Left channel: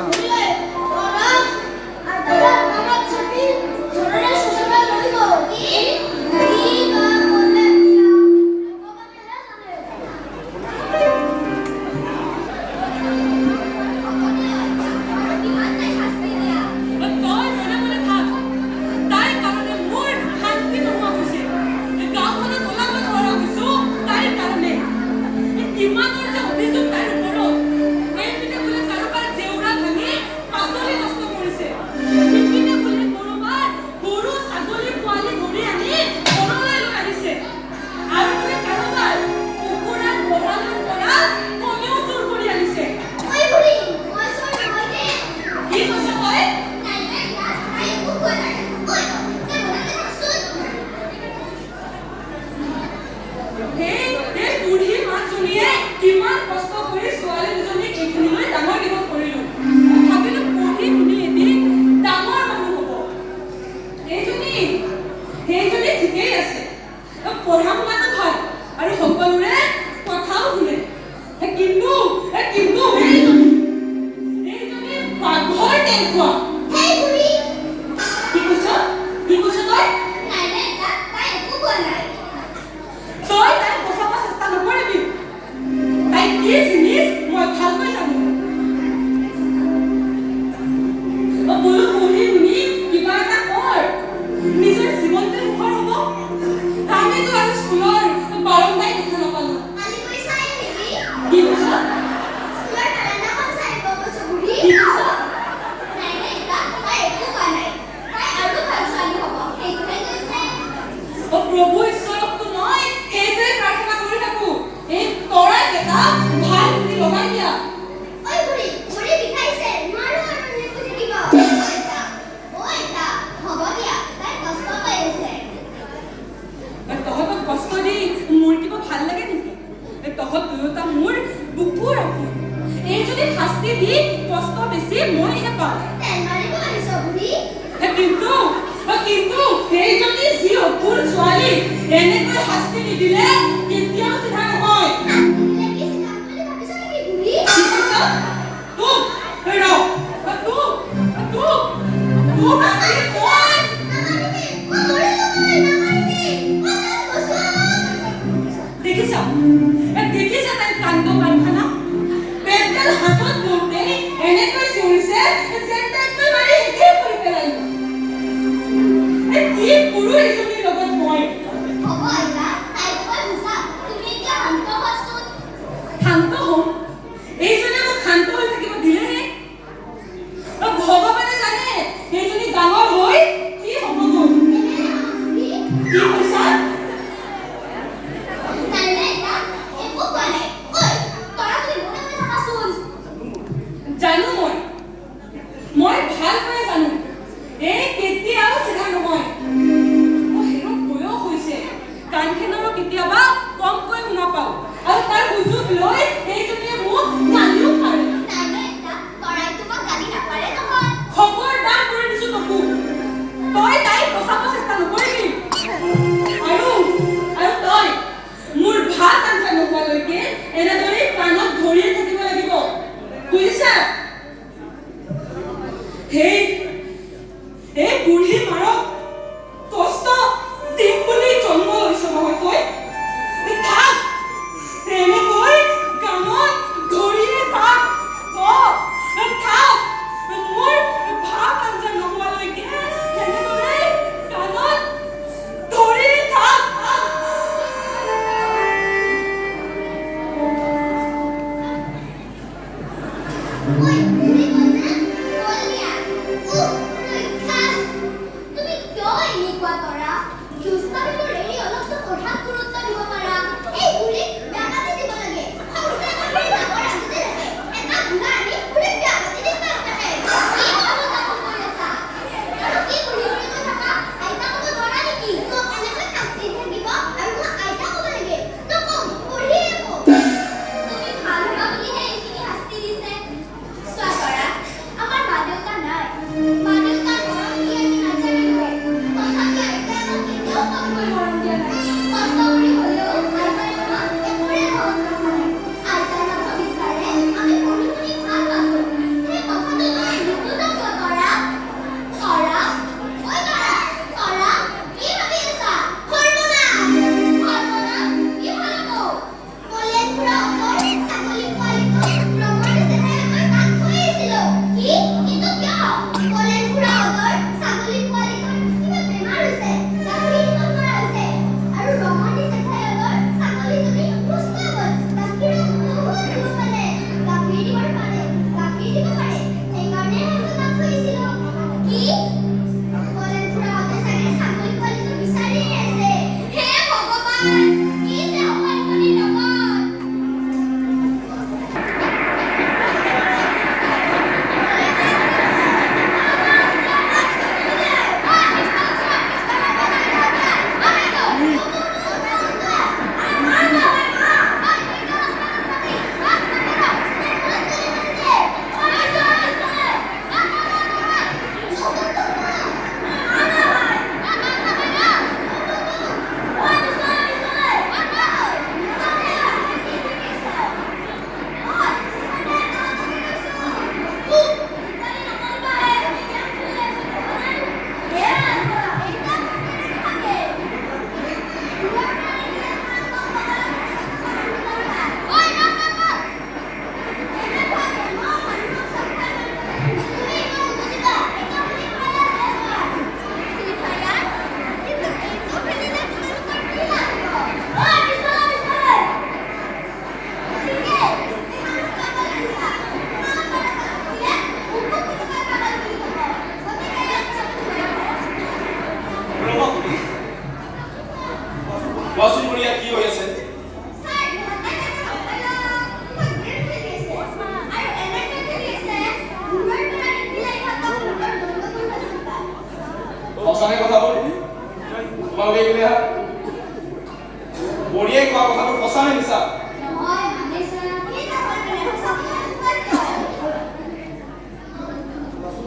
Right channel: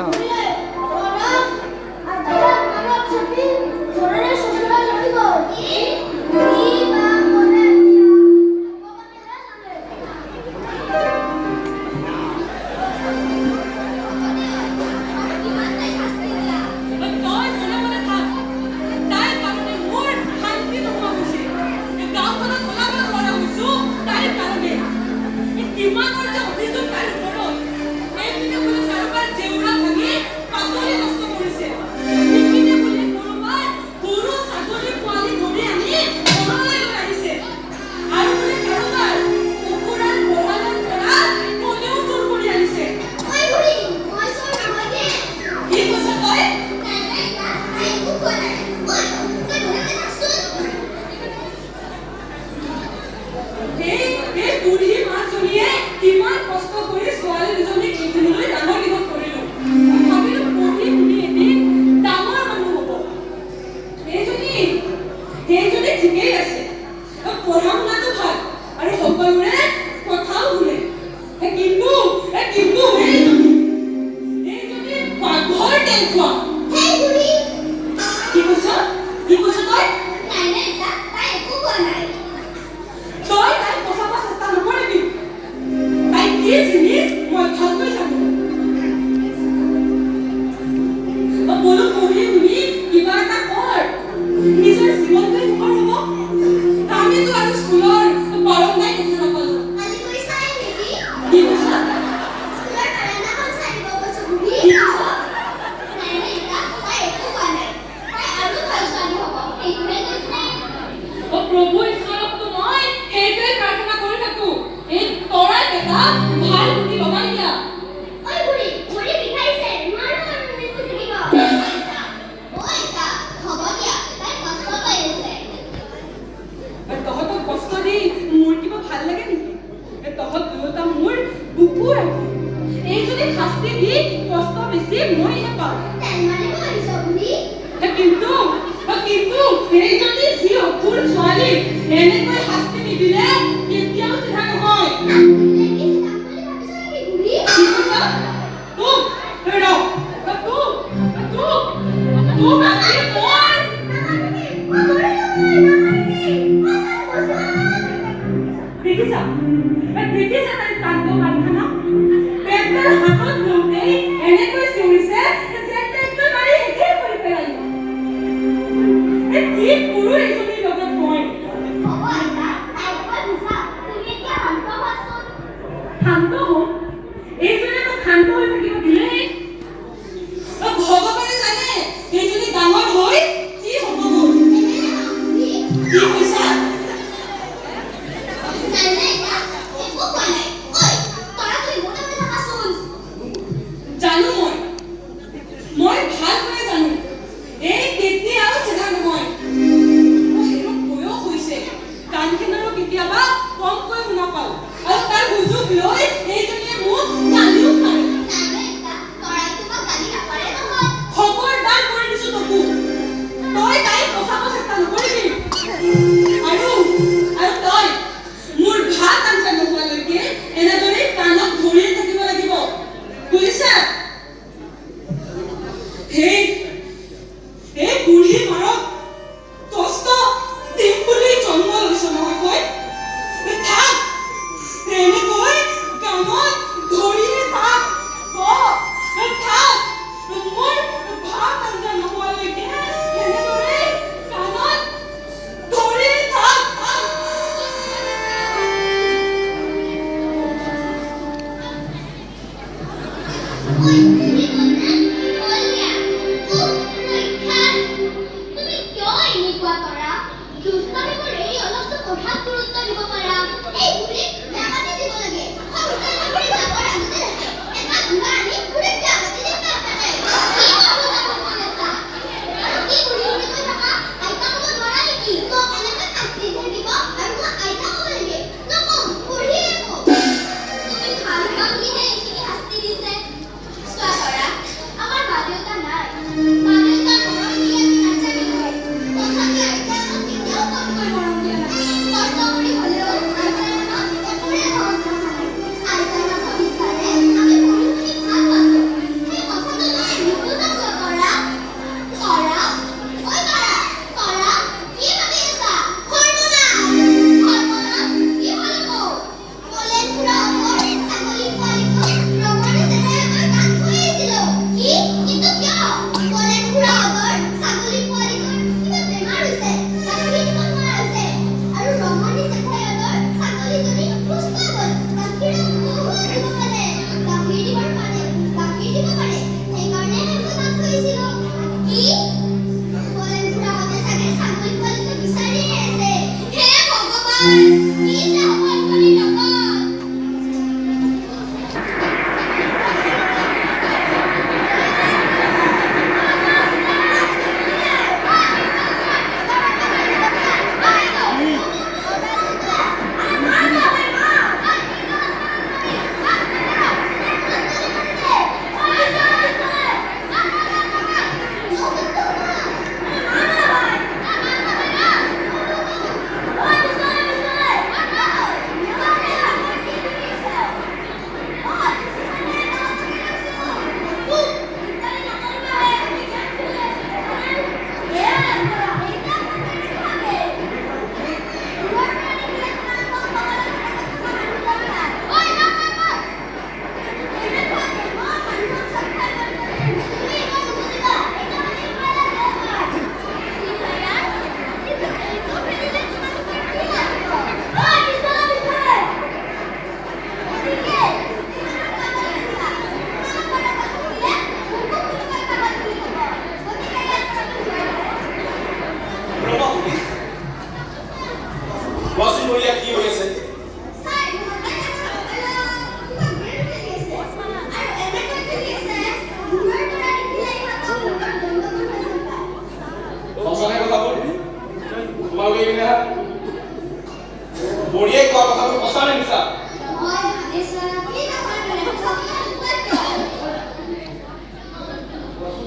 বঢ়িয়া।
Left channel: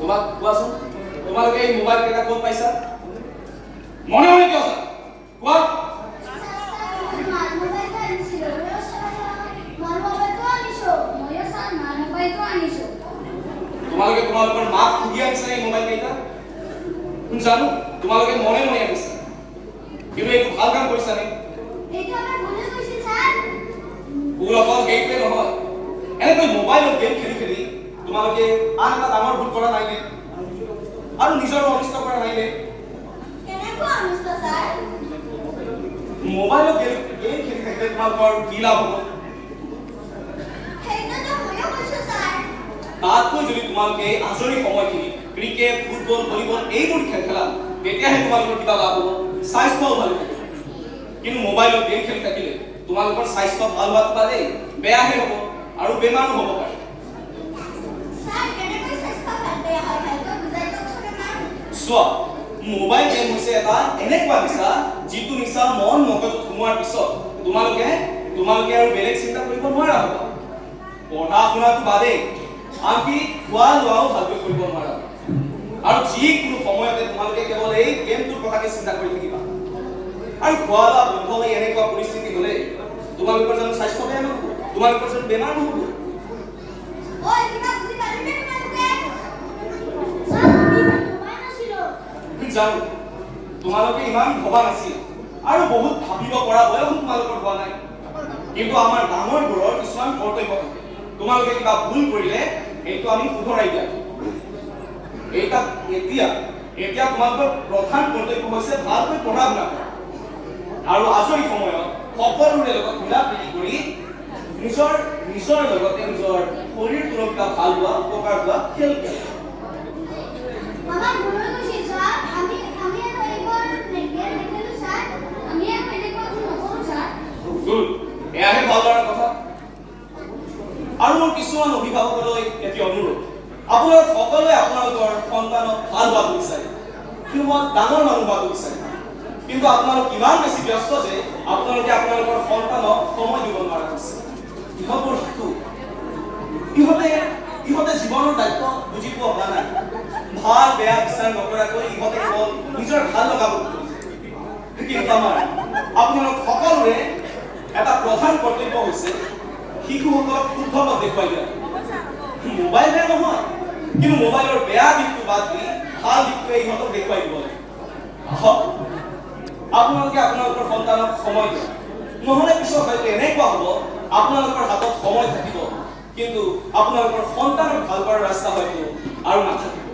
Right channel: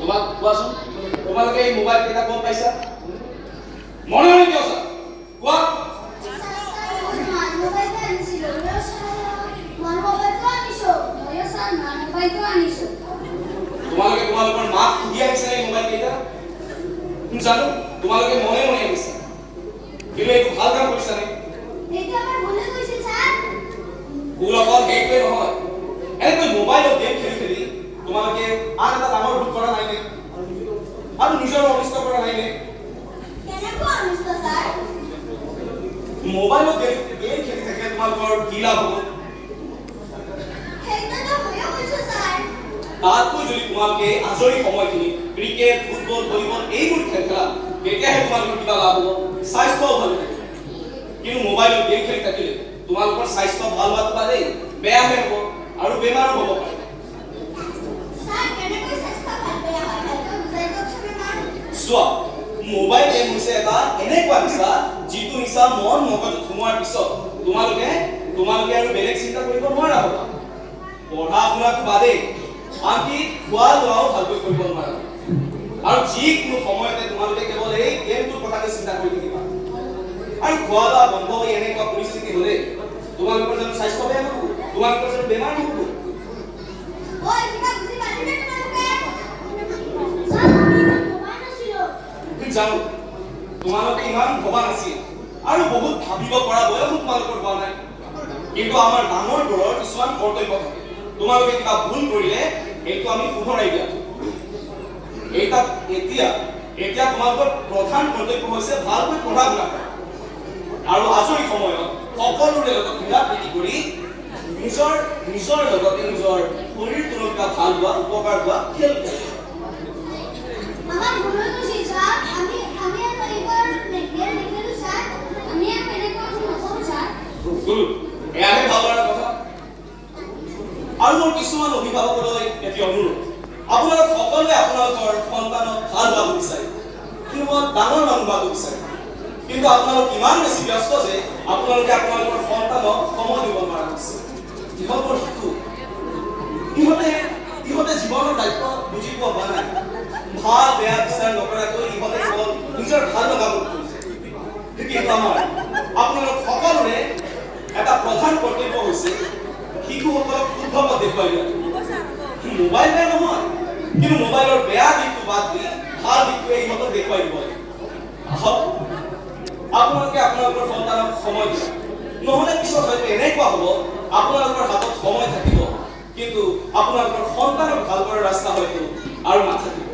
তোমাক কোৱাচোন তোমালোকে এই মোবাইল কেইটা ক'ত পাইছা মনে মনে কিয় আছা কোৱা তোমালোকে তোমালোকৰ মাক সুধি আহিছা এই মোবাইল কেইটা জানো তোমালোকে মনে মনে আহিছা কিন্তু এইটো ভাল কাম কৰিছা নে ভুল অকল সেইটোৱে নহয় এনেকৈ মোবাইলত গেম খেলি খেলি তোমালোকে আন এটা ডাঙৰ ভুল কৰা নাই নে আৰু নিজৰ অনিষ্ট কৰা নাই নে মোবাইলত গেম খেলি থাকিলে তোমালোকৰ কি লাভ হ'ব তাতকৈ যদি তোমালোকে আজৰি সময়খিনি ক্ৰিকেট ফুটবল ভলীবল এইবোৰ খেল খেলা তেতিয়াহে তোমালোকৰ কিবা লাভ হ'ব স্বাস্থ্যও ভালে থাকিব কিন্তু মোবাইলত গেম খেলি থাকিলে তোমালোকৰ স্বাস্থ্য ভাল হোৱাটো বাদেই বেয়াহে হ'ব আৰু বেমাৰো হ'ব পাৰে চোৱা মোবাইল গেম হৈছে এটা এনেকুৱা নিচা যিটো নিচা মন মগজুত সোমোৱাৰ পিছত তোমালোকে আৰু বেলেগ চিন্তা কৰিব নোৱাৰা হ'ব পঢ়া শুনাটো বাদেই আনকি খোৱা লোৱাও ভালকৈ কৰিব নোৱাৰা আৰু যিকোনো সময়তে তোমালোকে কেৱল এই গেমটোৰ কথাকে চিন্তা কৰি থাকিবা আৰু খোৱা লোৱা বন্ধ হৈ এনেকুৱা পৰিস্থিতি হ'লে তোমালোকৰ জানো স্বাস্থ্য বেয়া নহ'ব তোমালোকৰ জানো বেমাৰ নহ'ব জানো তোমালোকে ইমান ভবা নাছিল আৰু বহুত ভাবিব পৰা বয়স তোমালোকৰ হোৱা নাই কিন্তু আমাৰ ডাঙৰবোৰৰ কিছুমান কৰ্তব্য থাকে তোমালোকে কিবা ভুল কৰিলে এইটো আমি শুধৰাই দিয়াটো এতিয়া তোমালোকৰ প্ৰধান কৰ্তব্য হৈছে ভালকৈ পঢ়া শুনা কৰা আৰু আজৰি সময়ত সকলোৰে লগত মিলা প্ৰীতি কৰি নিজৰ লগতে নিজৰ শৰীৰটোৰ কিবা ভাল হোৱা উপকাৰ হোৱা খেল খেলা এয়াহে ভাল লগা কথা আৰু মোৰ কিছুমান অভিভাৱকলৈ এটি অনুৰোধ আপোনালোক সকলোৱে আপোনালোকৰ সন্তানক ভাল হোৱাটো বিচাৰে সিহঁত ডাঙৰ মানুহ হোৱাটো বিচাৰে কিন্তু আপোনালোক ইমান বেছি ব্যস্ত যে আপোনালোকে আপোনালোকৰ সন্তানক সময় দিব নোৱাৰা হৈছে ইহঁতৰ শিশু ইহঁতে জীৱনৰ দায়িত্ব বুজি পোৱা হোৱা নাই ভাল বেয়া বিচাৰ নকৰাকৈ ইহঁতে কেৱল নিজৰ ভাল লগাব খুজিছে কিন্তু আপোনালোক সকলোৰে এটা প্ৰধান কৰ্তব্য হৈছে শিশুসকলক শুদ্ধ পথ দেখুৱাই দিয়া মোবাইল বেয়া নহয় কিন্তু মোবাইলৰ বেয়া দিশটো বাদ দি ভাল দিশটোৱে ইহঁতক দেখুৱাই দিব লাগে আপোনালোকে আপোনালোকৰ সন্তানক সময় দিব নহ'লে পিছত হয়তো এনেকুৱা হ'ব আপোনালোকৰ হাতত সময় থাকিব কিন্তু আপোনালোকৰ সন্তানক ভাল কৰাৰ ৰাস্তা হয়তো আৰু নাথাকিব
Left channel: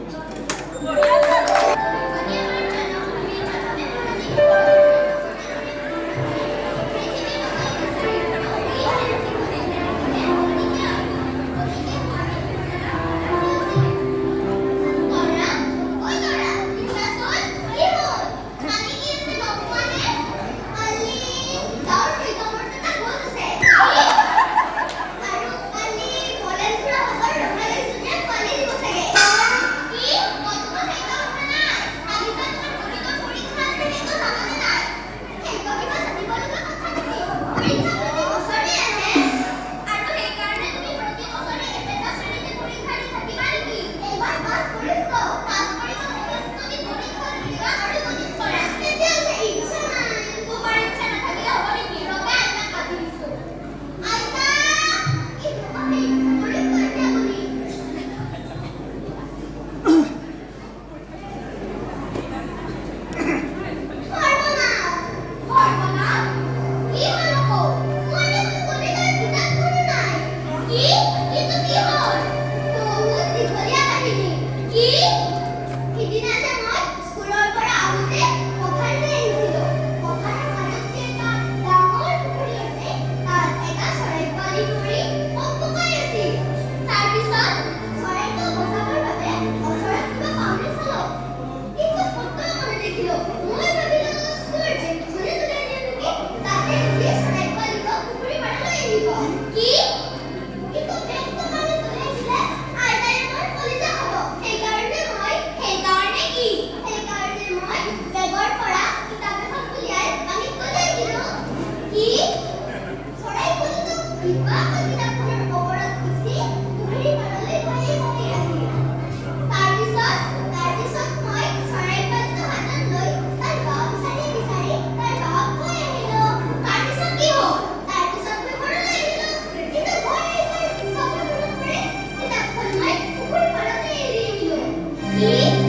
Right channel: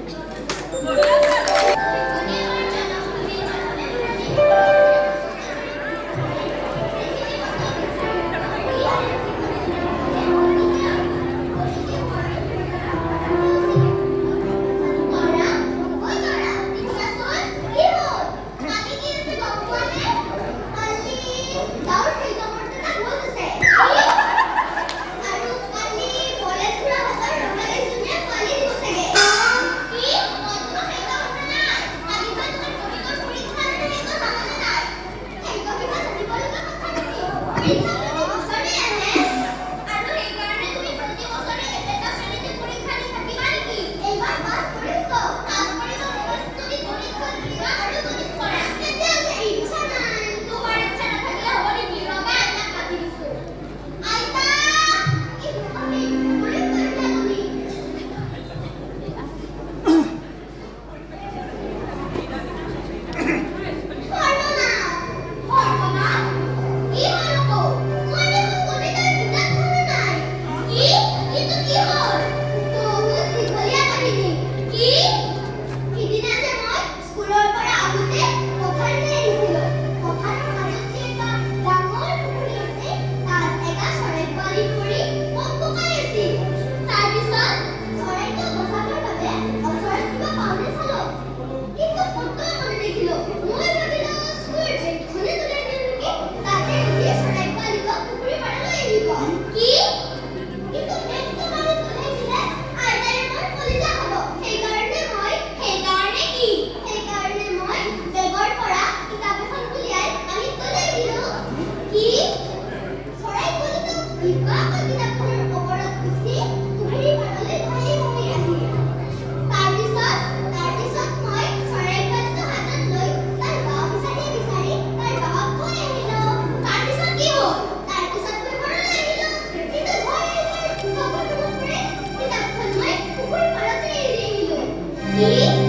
Namin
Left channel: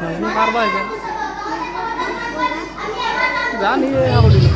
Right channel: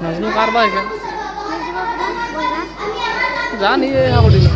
নাজনো কাৰ বা সেইখন জানি এই খাব দিলোঁ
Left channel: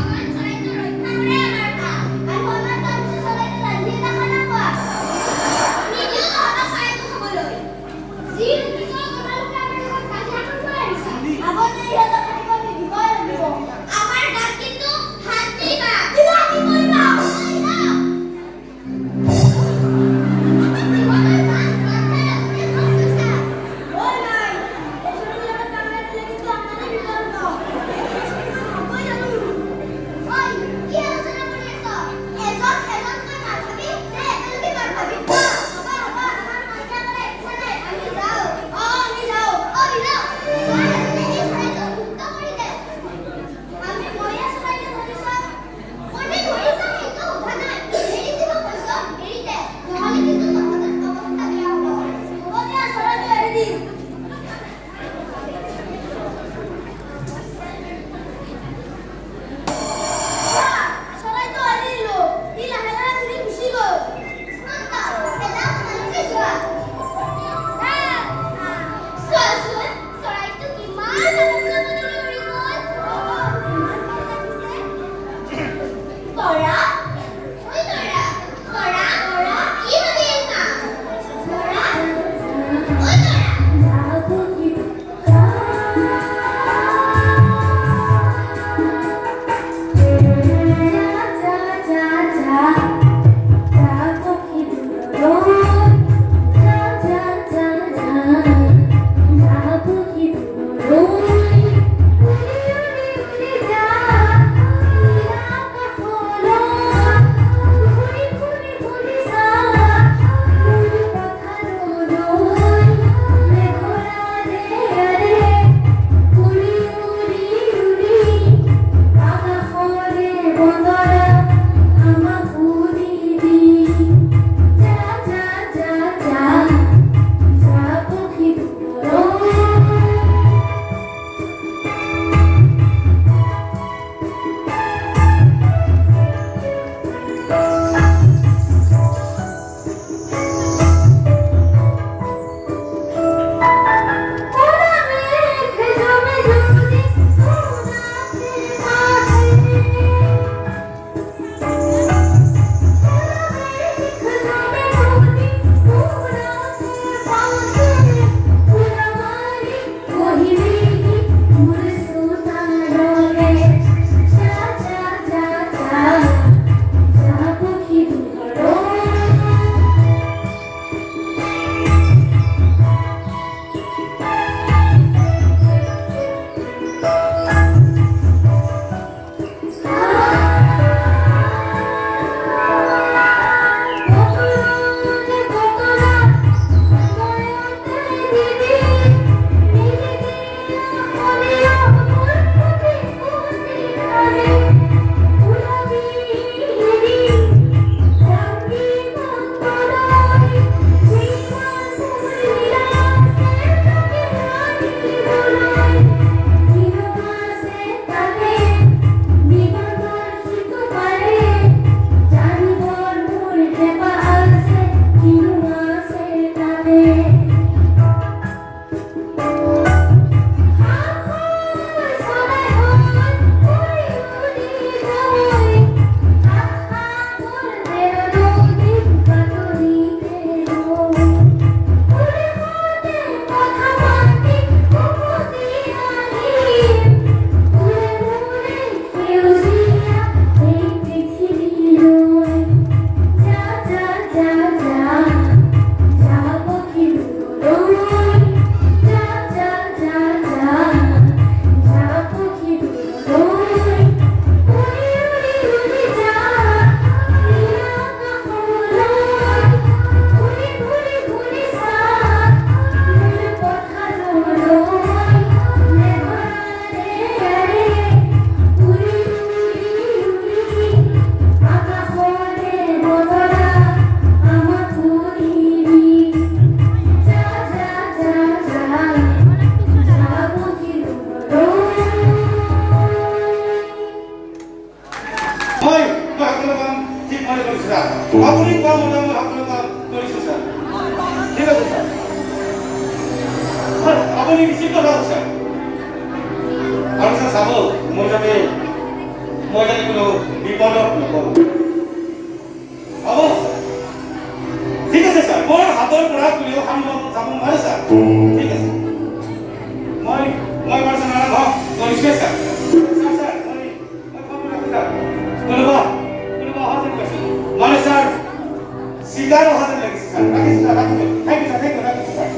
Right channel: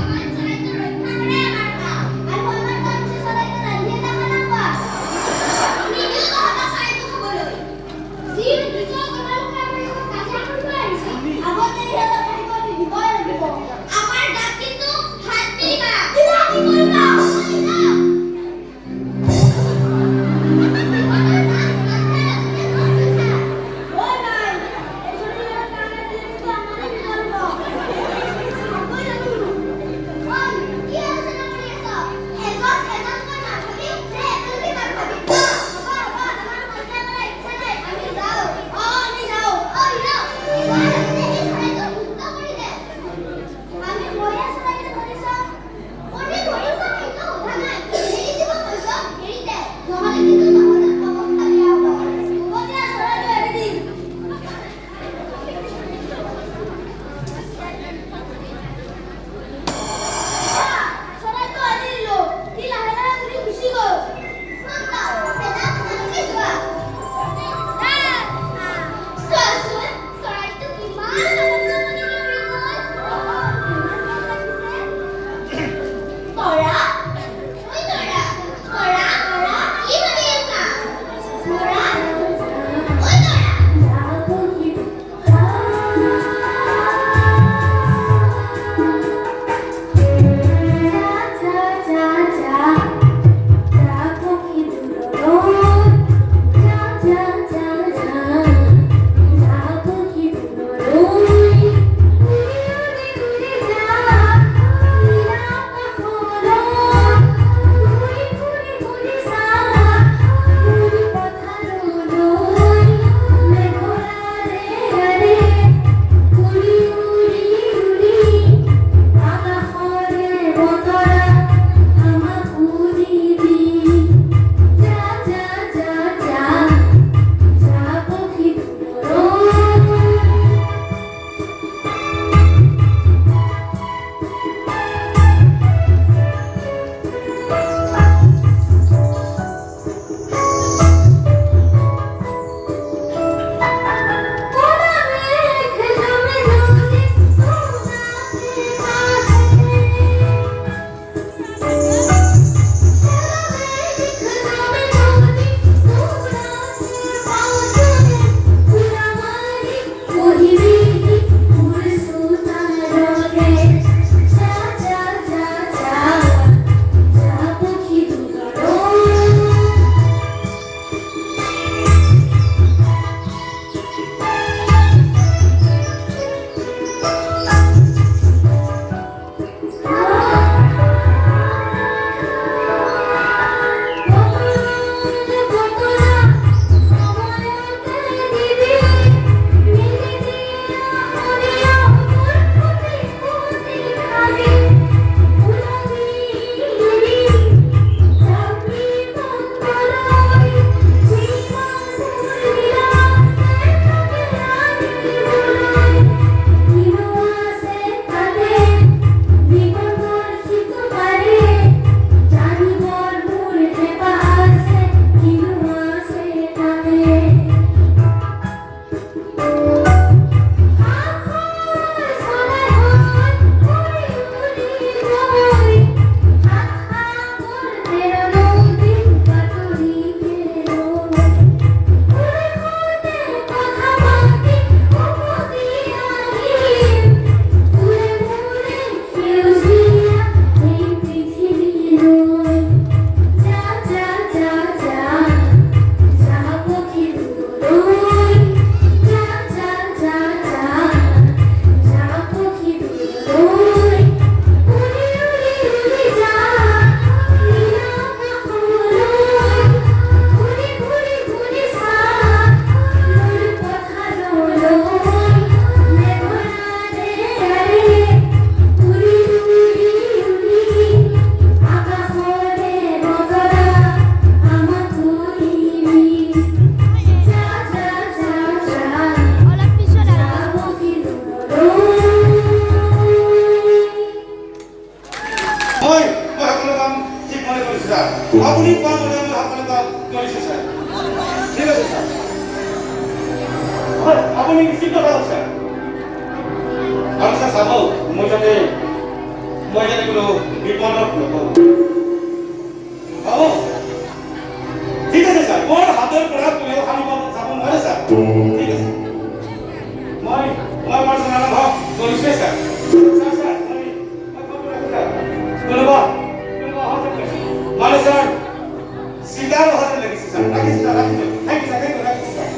উচিত কথা কৈছা আৰু ছাৰ চাব মই যাতে কোনো বিপদত নপৰোঁ হ'ব ঠিক আছে ছাৰ মোৰ হাতৰ পৰা কোনেও সাৰিব যাব নোৱাৰে ছাৰ ঠিক আছে মই বাৰু ছাৰ নিশ্চয় ছাৰ ছাৰ মই ফোনটো ৰাখোঁ ছাৰ কোনোবা অহা যেন পাইছোঁ মানে ছাৰ চিধাৰ অহা যেন লাগিছে ছাৰ ৰাখিছোঁ ছাৰ ৰাখিছোঁ thank you sir thank you ৰাখিছোঁ ছাৰ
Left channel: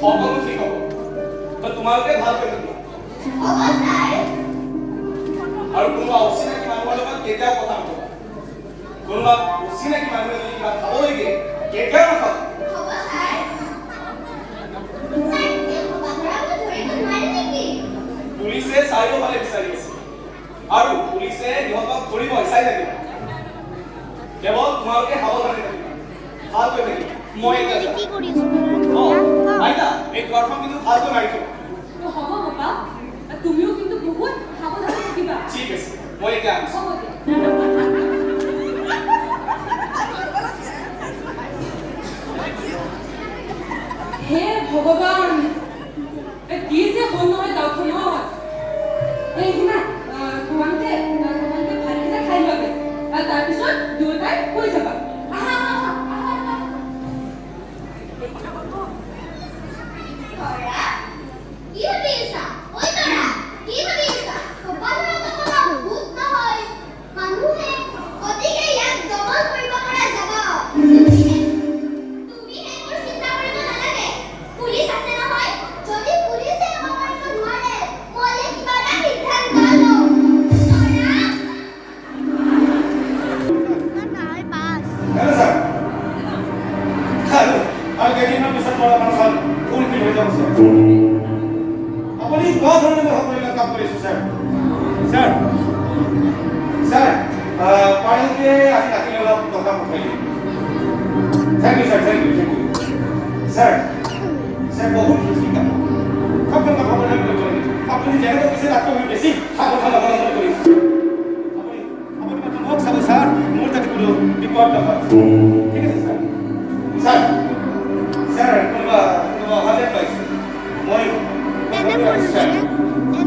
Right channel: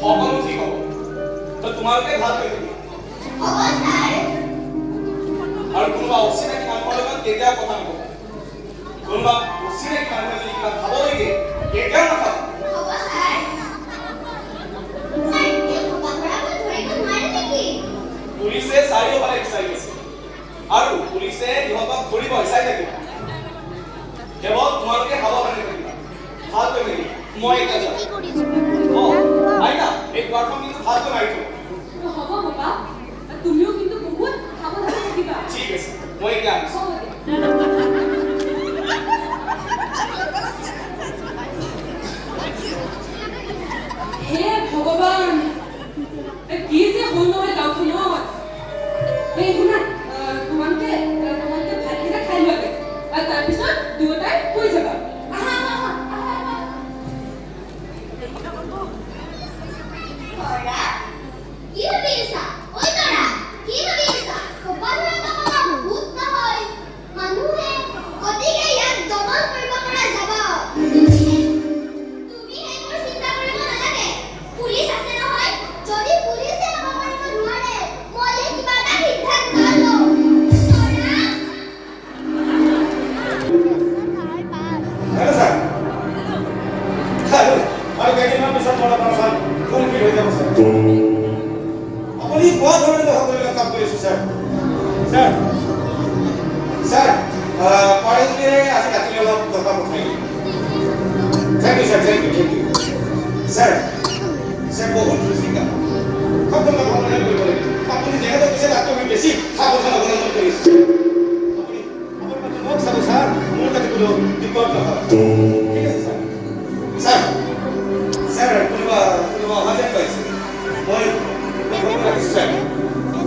সকলো ঠিক হ'ব তো তোমালোকে ভাল কৰি দিবা। আৰু কোনোবা অচিনাকি মানুহৰ লগত কেতিয়াও কথা নক'ব কোনোবা অচিনাকি মানুহে যদি কিবা খাব লাগে কেতিয়াও নাখাব পুলিচে চাৰিওফালে বিচাৰি আছে আৰু পুলিচে ইহঁতক ধৰিব চাই থাকিব কেৱল তোমালোকে সাৱধানে থাকিবা ভালকৈ থাকিবা মই এতিয়া যাম আইতা এই দুৱাৰখন কিন্তু ভালকৈ মাৰি থ'বা হ'ব বাবা তুমিও কিন্তু বহুত সাৱধানে থাকিবা ঠিক আছে মই এতিয়া আহিছোঁ হ'ব দিয়া হে ভগৱান কি যে হ'ল নহয় গাঁওখনত এই শুনা তোমালোকে ভাতকেইটা খাই লোৱাগে আৰু তাৰপিছত দুয়োটাই শুই যাবা আহা আহা আহা আহা কি ভাবি আছা ঐ তৰা কি ভাবি আছা কপালৰ কথা ভূত নহয় মানুহে গতিকে ইয়াক দমন কৰিব পৰা যাব তুমি সেইবোৰ চিন্তা কৰিব নালাগে পুলিচ আছে নহয় যদি পুলিচে আমাক মাৰিব নোৱাৰে মলে কিবা এটা সিদ্ধান্ত লওঁ তৰা हेलो सर আৰু কেইদিনমান পিছত মোৰ আপোনাৰ সব ফুল ফিল হৈ যাব স্যাৰ আপুনি কোৱা ধৰণে সকলোবিলাক কাম কৰিছে স্যাৰ স্যাৰ স্যাৰ পাৰিলে আজি ৰাতিলৈ অলপ টকা পঠাই দিম thank you sir thank you sir sir বহুত চিন্তা সকলো কাম আপুনি কৰিব লাগিব আপুনি যেনেকৈ কৈছে তাতকৈ বেছি সাৱধান অৱলম্বন কৰিছে আপুনি মাত্ৰ মোক চাব স্যাৰ মোৰ তাতে কোনো বিপদ নহয় ঠিক আছে স্যার স্যার স্যার কোনোবা অহাতে পাইছে মই স্যার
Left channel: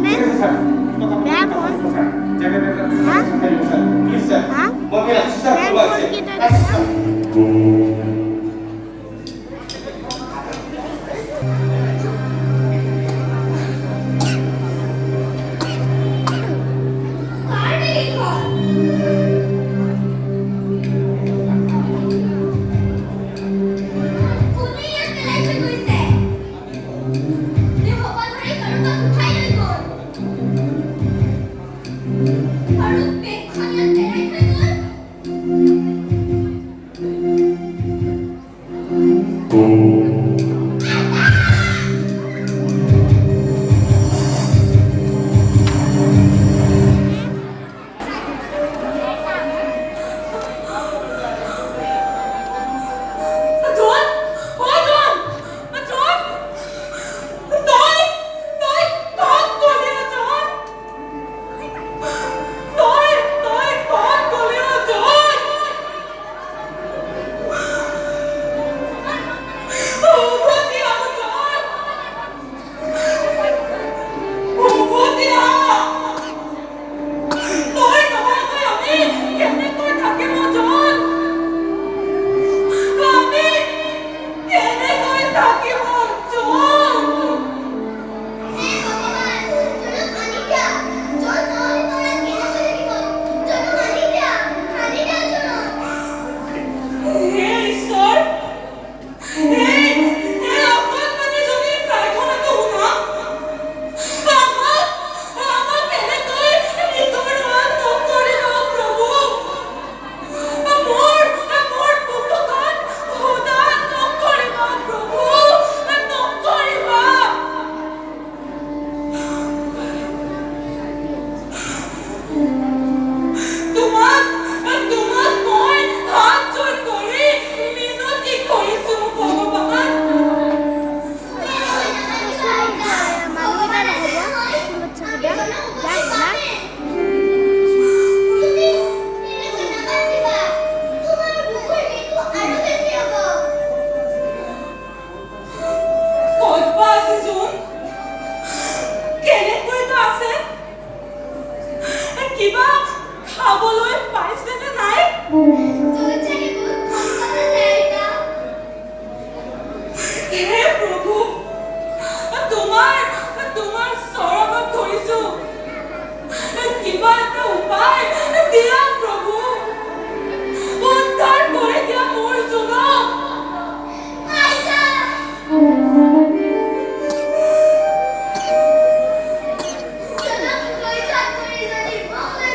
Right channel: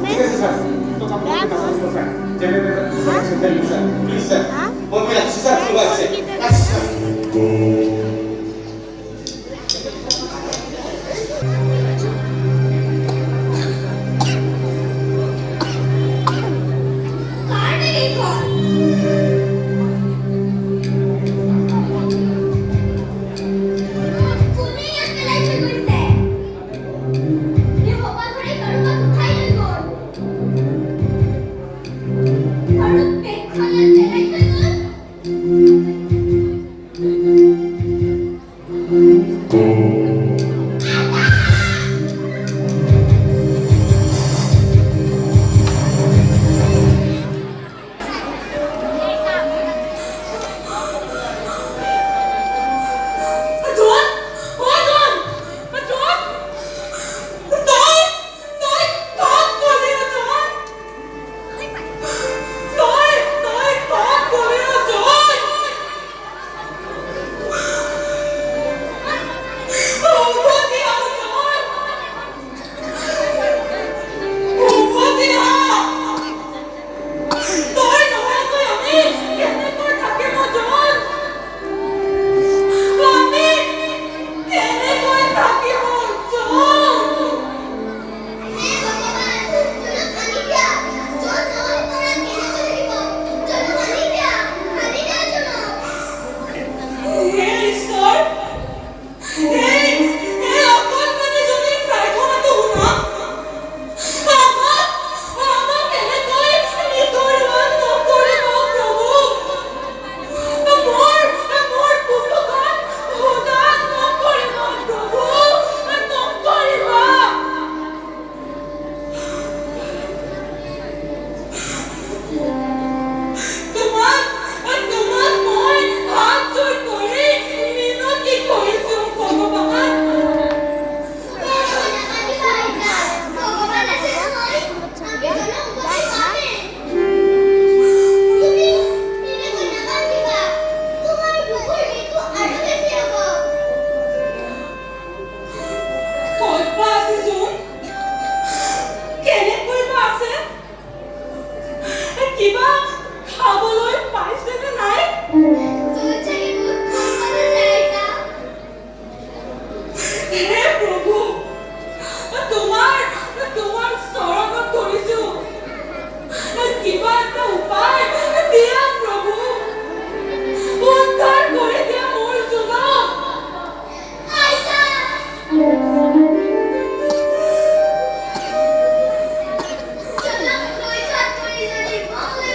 ঠিক আছে স্যার টকা পঠাব স্যার যেনে স্যার প্লিজ স্যার মই ৰাখি স্যাৰ কোনোবা আছে আচ্ছা কাৰ নেগিখন কোনে ইয়াত পেলাই থৈ গৈছে এই সকলোৰে কাৰোবাক উঠাই লৈ গ'ল আৰু বেগখন ইয়াত পেলাই থৈ গ'ল John! Oh, John! John! Tôi thoát của Leo John! Tôi thoát của Leo John! Oh, what the hell, John? Oh, what the hell? Tôi nói với ông đi, কেনেকৈ থাকিব John? আমি কেনেকৈ থাকিব John? হে ভগৱান জনক আনি দিয়া জন নহ'লে তৰা কেনেকৈ থাকিব জনক আনি দিয়া জনক হে ঈশ্বৰ এই অকণমানি জনীৰ প্ৰাৰ্থনাটো শুনা আমাক এনেকৈ নিতৰাত নকৰিব প্ৰভু মোৰ বুকুখন হতাশ নকৰিব প্ৰভু নকৰিবা তোমাক মই হাত জোৰ কৰি মিনতি কৰিছো ভগৱান তুমি নামানিবা আইতা ভগৱান আছে নহয় আমি জনক উপদেশ পামে তুমি এনেকৈ নামানিবা তোমাৰ বুকুৰ মৃত্যু আৰু বেছি হ'ব ক'ত বা আছে জোন কেনেকৈ বা আছে কিবা খাবলৈ পাইছেনে নাই জনত চাগে বহুত কষ্ট আছে আইতা হে প্ৰভু তোমাৰ চৰণত ধৰিছো কিবা এটা উপায় দিয়া প্ৰভু উদ্ধাৰ কৰি দিয়া মোৰ জোনক আইতা জনক লৈ যোৱাত কৰি যদি মলৈ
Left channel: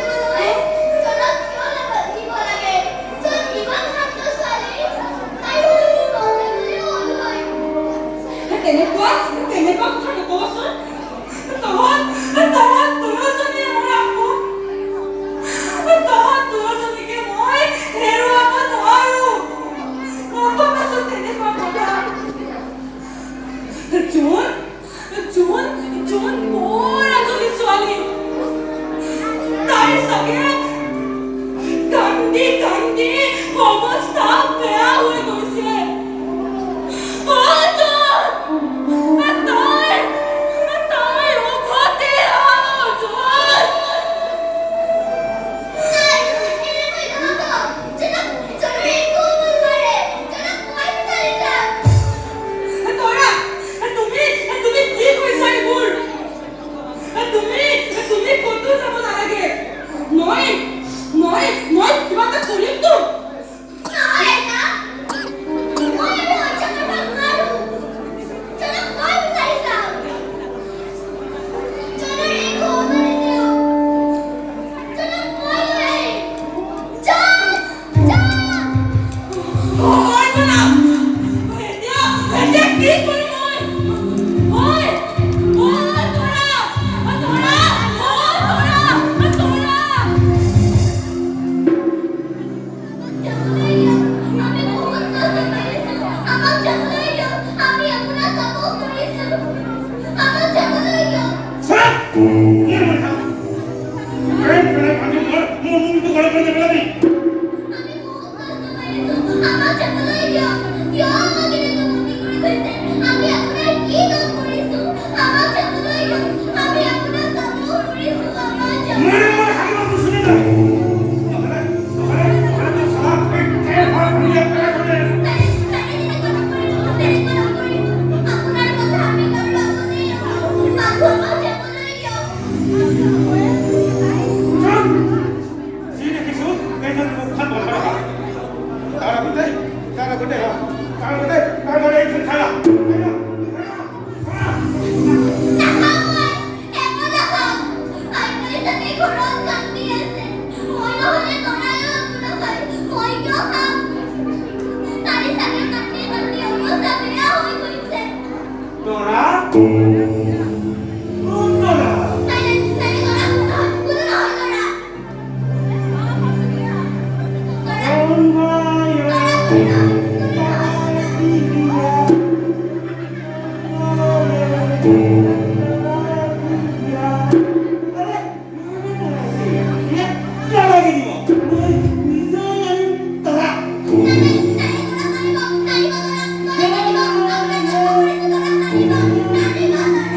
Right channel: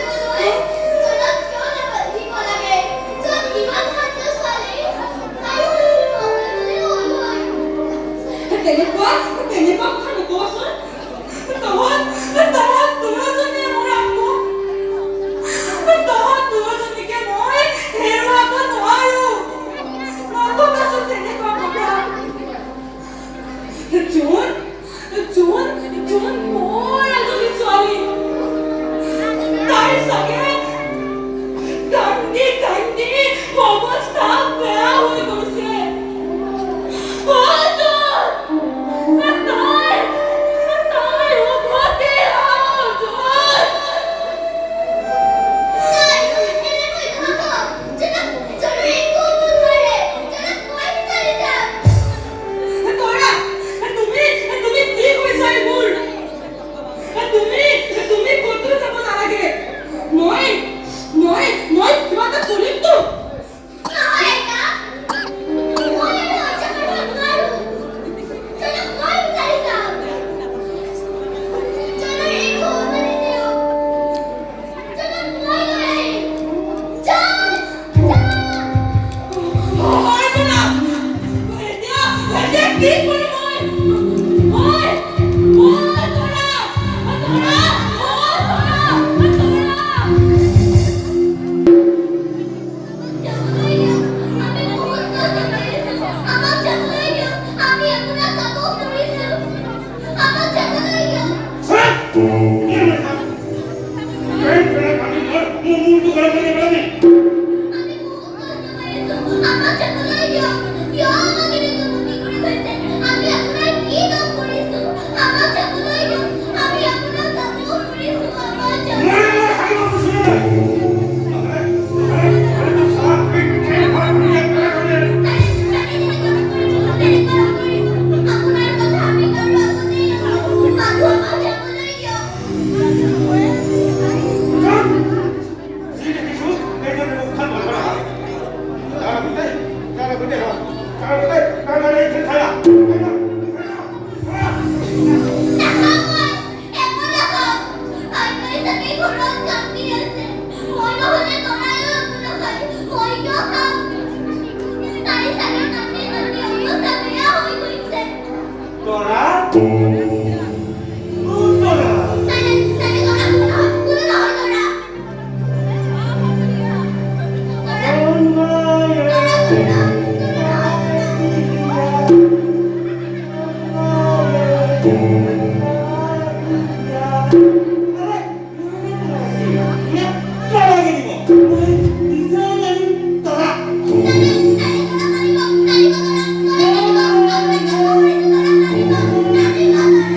আমাৰ চাগে কান্দি কান্দি অৱস্থা বেয়া হৈ গৈছে। তাই উভতি অৰ্জুন। তৰা, তুমি কি কৈছা এইবোৰ? তুমি ক'তো যাব নালাগে। মই কিবা এটা কৰিমতো। Thank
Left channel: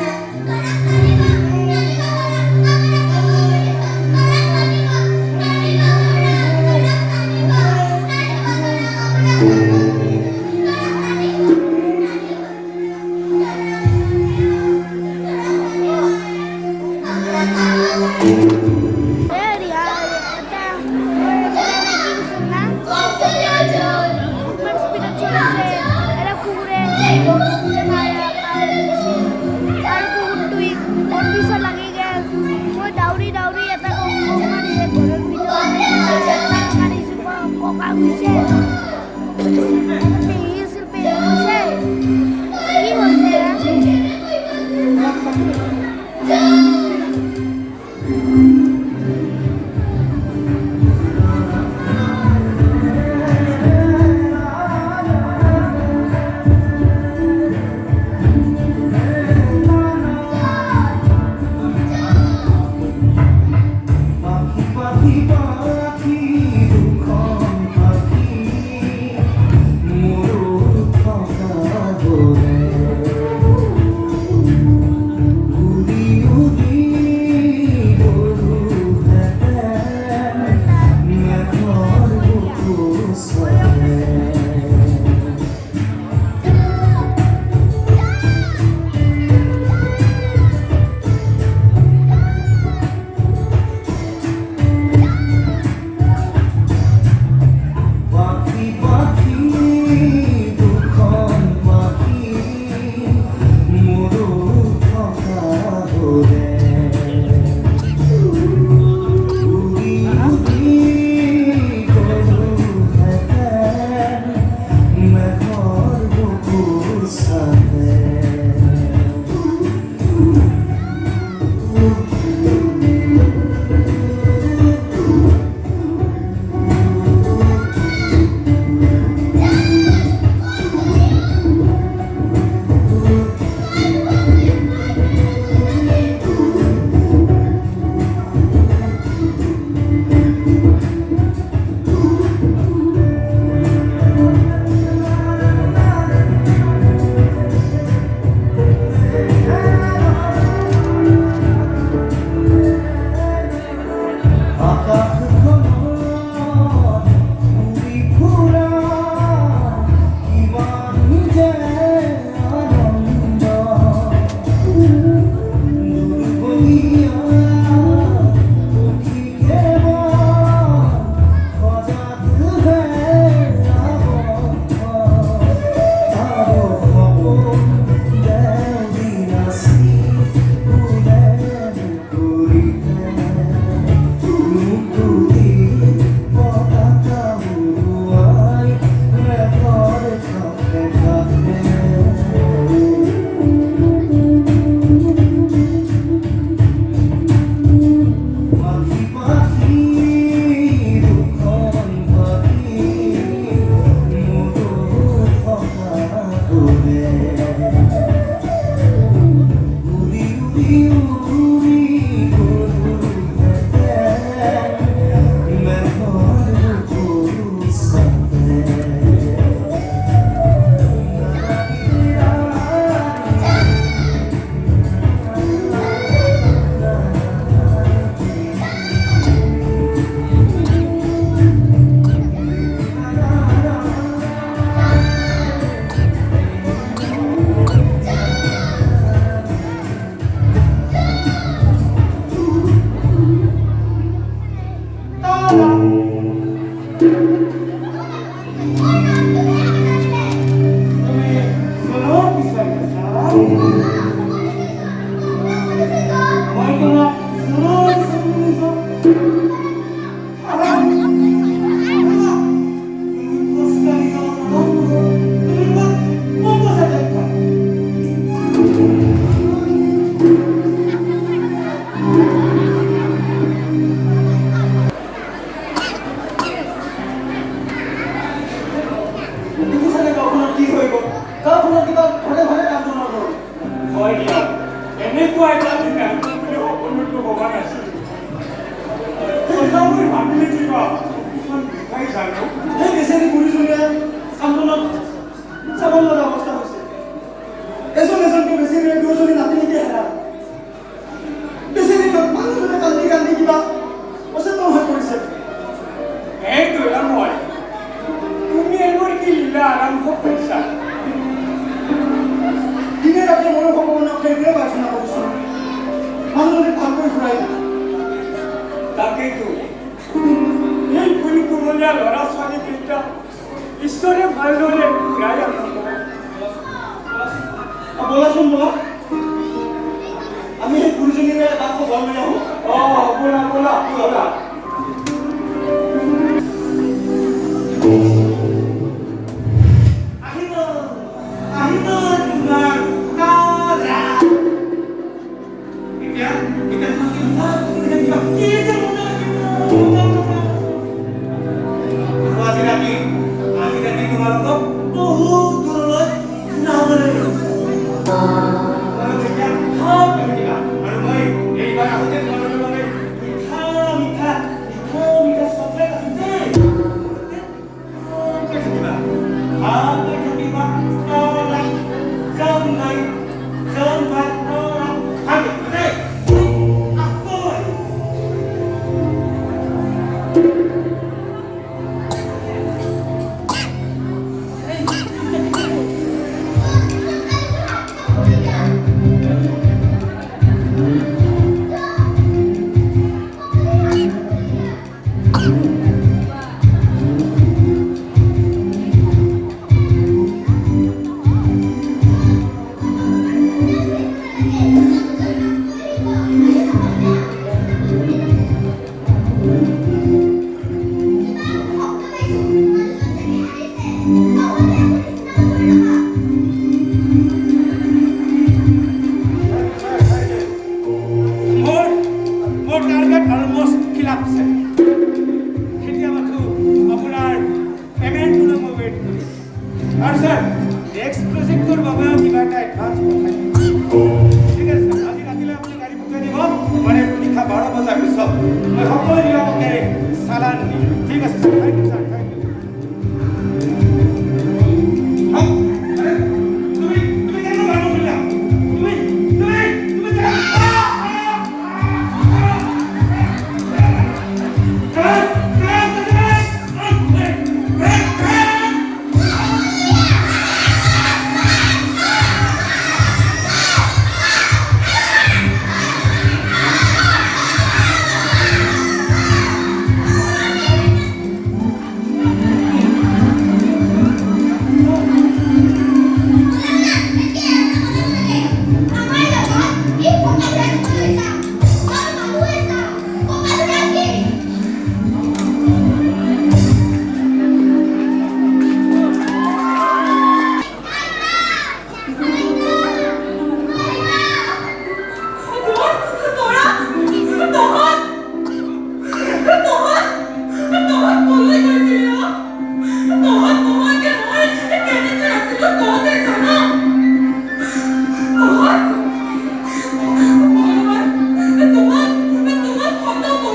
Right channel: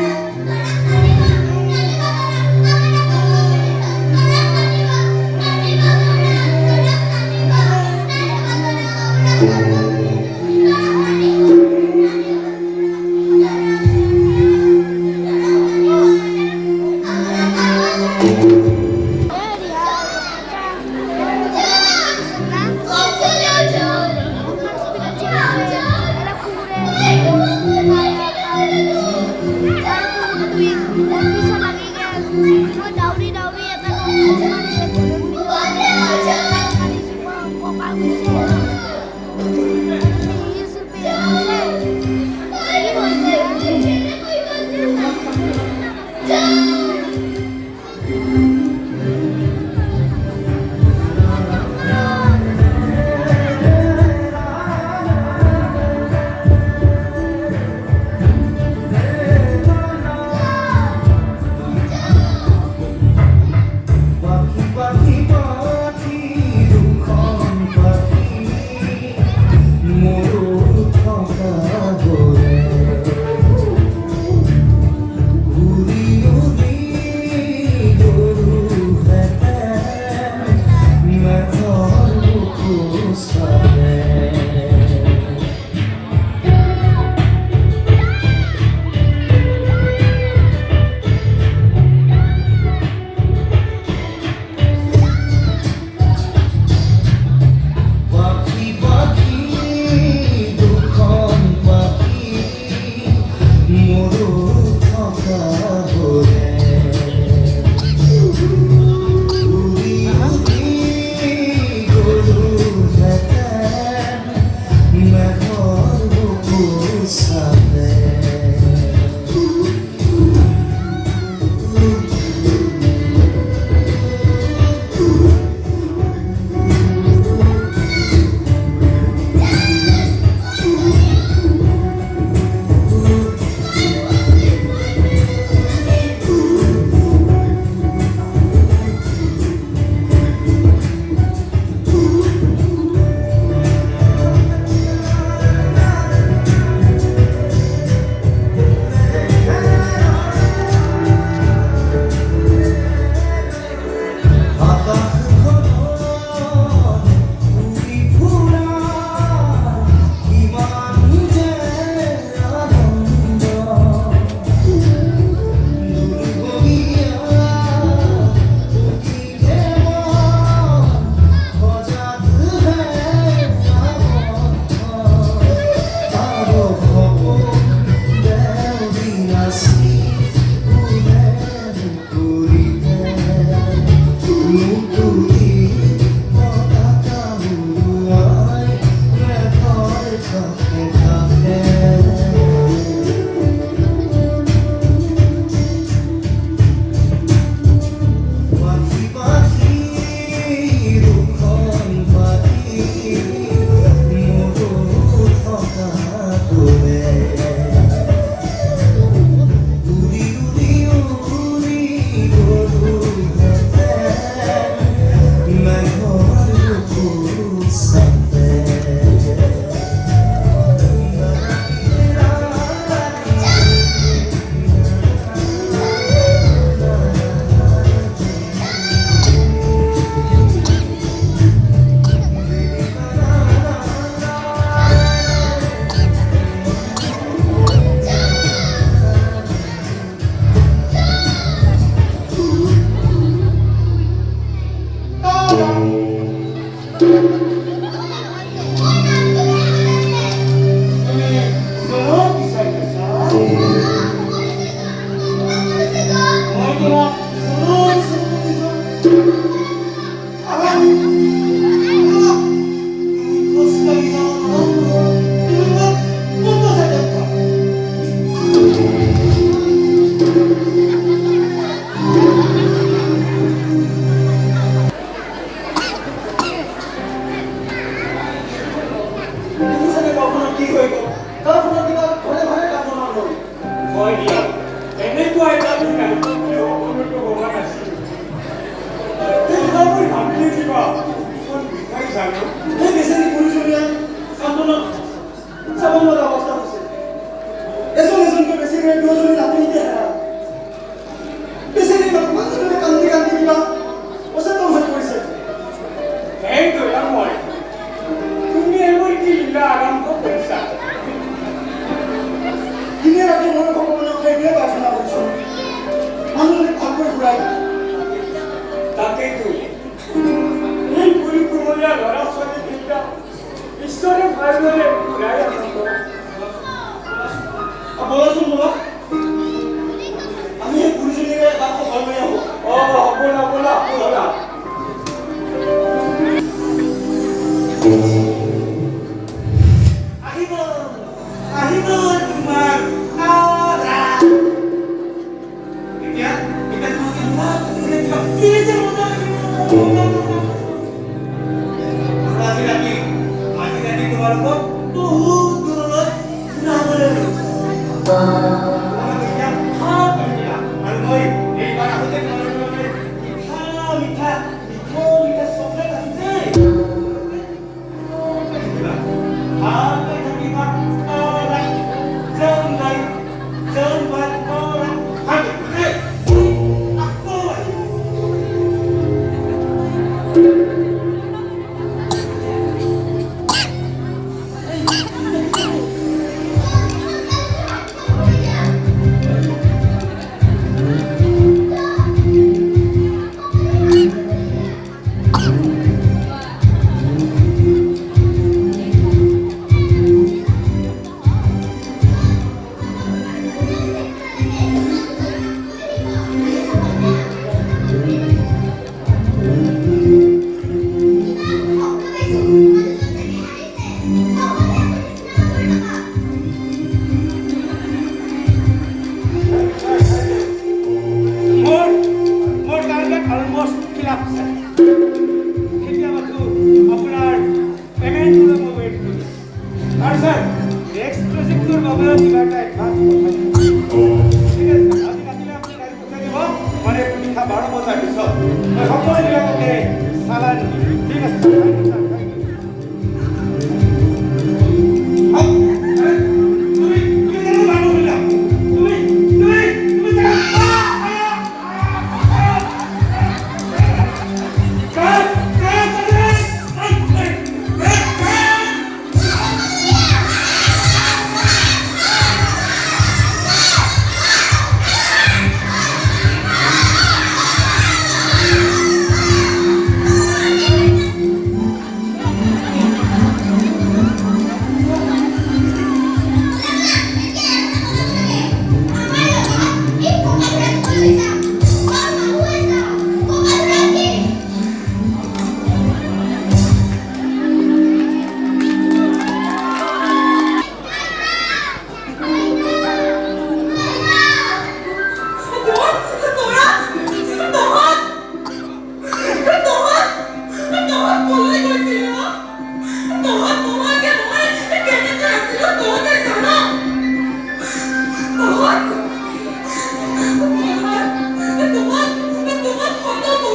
you.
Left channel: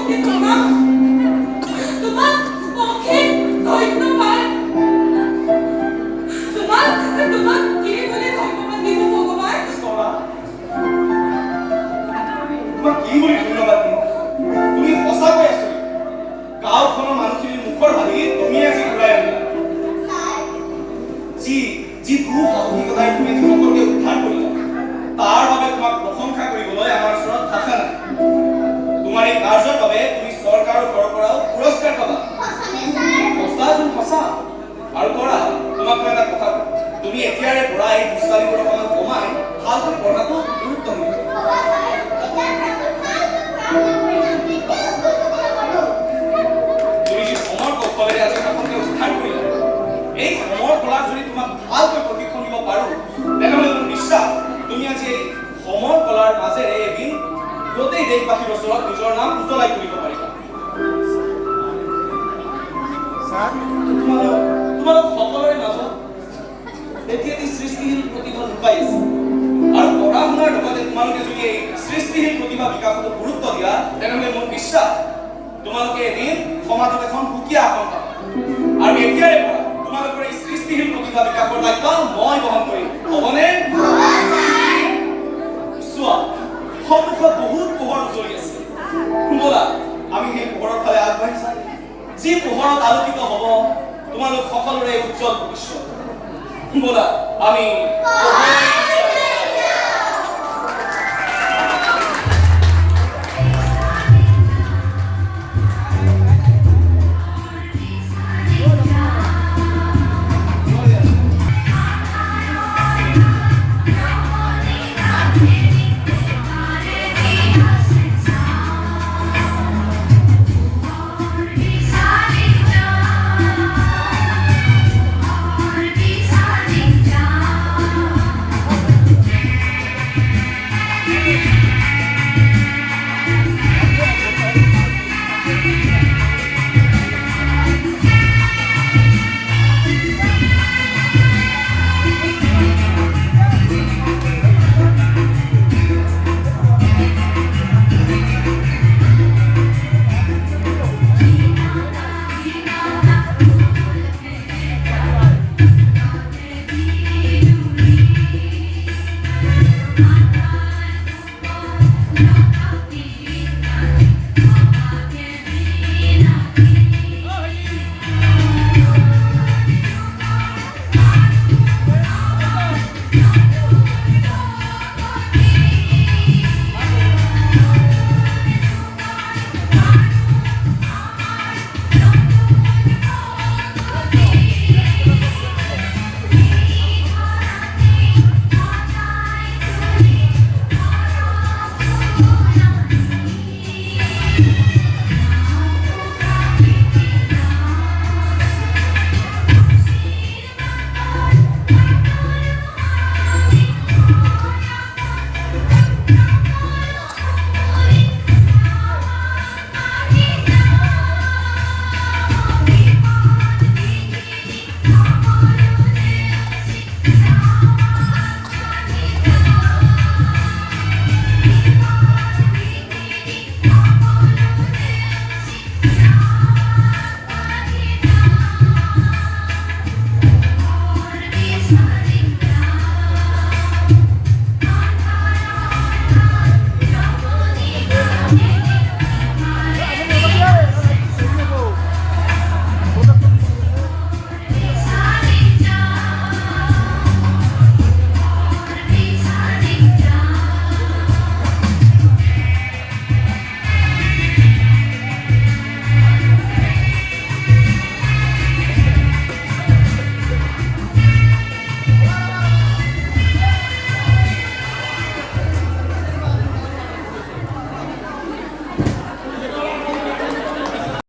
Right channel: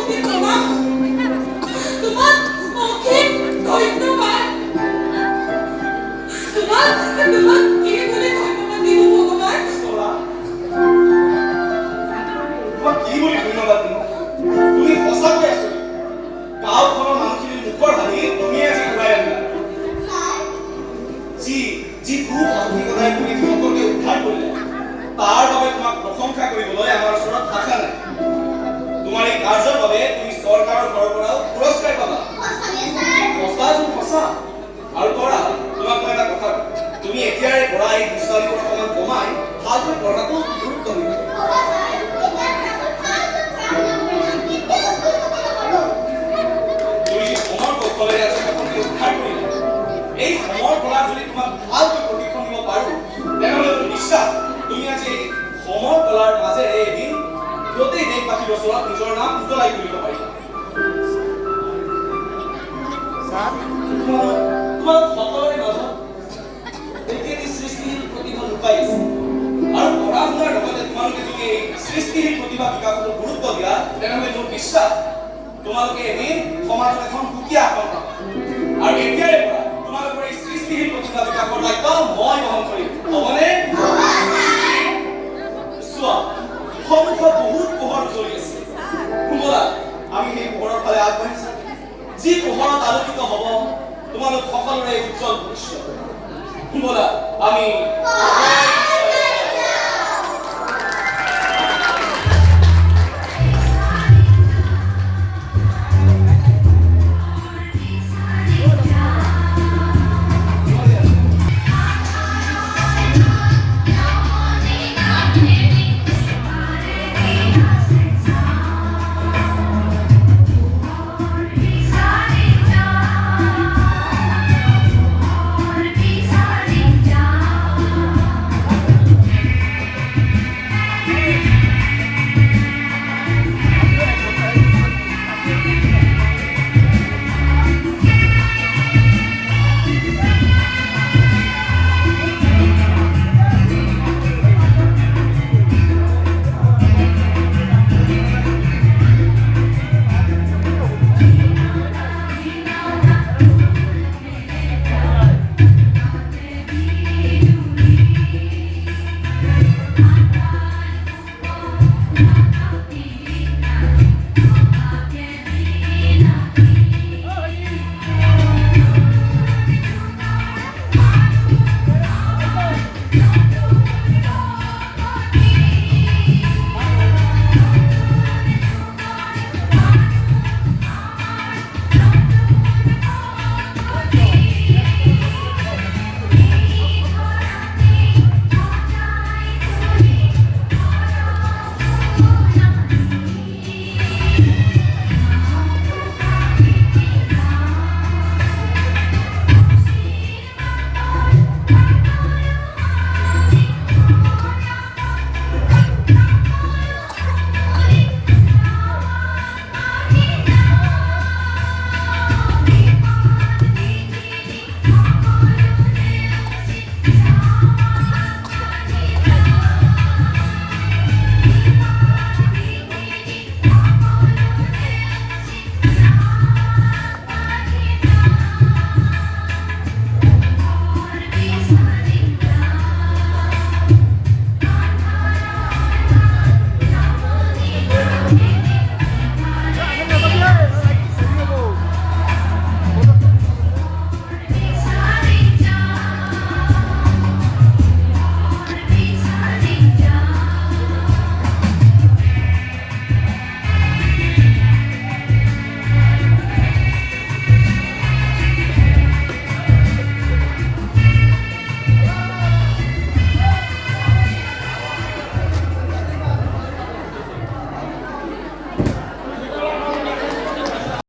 অশেষ প্ৰণাম তোমাক অশেষ ধন্যবাদ তোমাক কি বুলি ধন্যবাদ দিব ভগৱান তোমাক কি বুলি ধন্যবাদ দিম তুমি সঁচাকৈ আছো গাঁওখনৰ মানুহখিনিৰ মুখৰ হাঁহি তুমি আজি ঘূৰাই আনিলা যি দুঃসাহসিকতাৰে তুমি তেওঁলোককে উদ্ধাৰ কৰিলা তাৰ বাবে তোমাক প্ৰশংসা কৰিবলৈ আমাৰ ওচৰত ভাষা নাই তোমাৰ এই কাৰ্যৰ বাবে তুমি চৰকাৰৰ ঘৰৰ পৰাও পুৰস্কাৰ পাবা সঁচা আৰু কৰা তোমাক মই এটা কথা কওঁ তুমি এতিয়াৰে পৰা এই দুষ্টালিবোৰ অকণমান কমাই ভালকৈ পঢ়াটো গুৰুত্ব দিবা তুমি যি সমৰ কৌশলেৰে আজি প্ৰথমতে উদ্ধাৰ কৰিলা এই সমৰ কলাত যদি তোমাক ভালকৈ প্ৰশিক্ষণ দিব পাৰোঁ তেনেহ'লে মোৰ বিশ্বাস তুমি আজি এই সমৰ কলাৰ মাজেৰে এদিন গোটেই দেশবাসীৰ ওচৰত নিজৰ নাম উজ্বলাই তুলিব পাৰিবা তোমালোক সকলোৰে মাজত এটি সৃষ্টিশীল প্ৰতিভা লুকাই আছে আৰু পঢ়া শুনাৰ লগতে তোমালোকে যদি এই সৃষ্টিশীল প্ৰতিভা বিকাশত গুৰুত্ব দিয়া তেনেহ'লে মোৰ বিশ্বাস তোমালোকে এদিন সমাজত এখন সুকীয়া আসন পাবা আৰু এতিয়াৰে পৰা তোমালোকৰ এই সৃষ্টিশীল প্ৰতিভা বিকাশৰ দায়িত্ব মই বহন কৰিম হ'বনে চোৱা সন্মুখত বহুত পোহৰ জ্বলি আছে ব'লা আমি সেই পোহৰৰ ফালে আগবাঢ়ি যাম যি পোহৰত আলোকিত হ'ব তোমালোক সকলোৰে উজ্জ্বল ভৱিষ্যত ব'লা আমি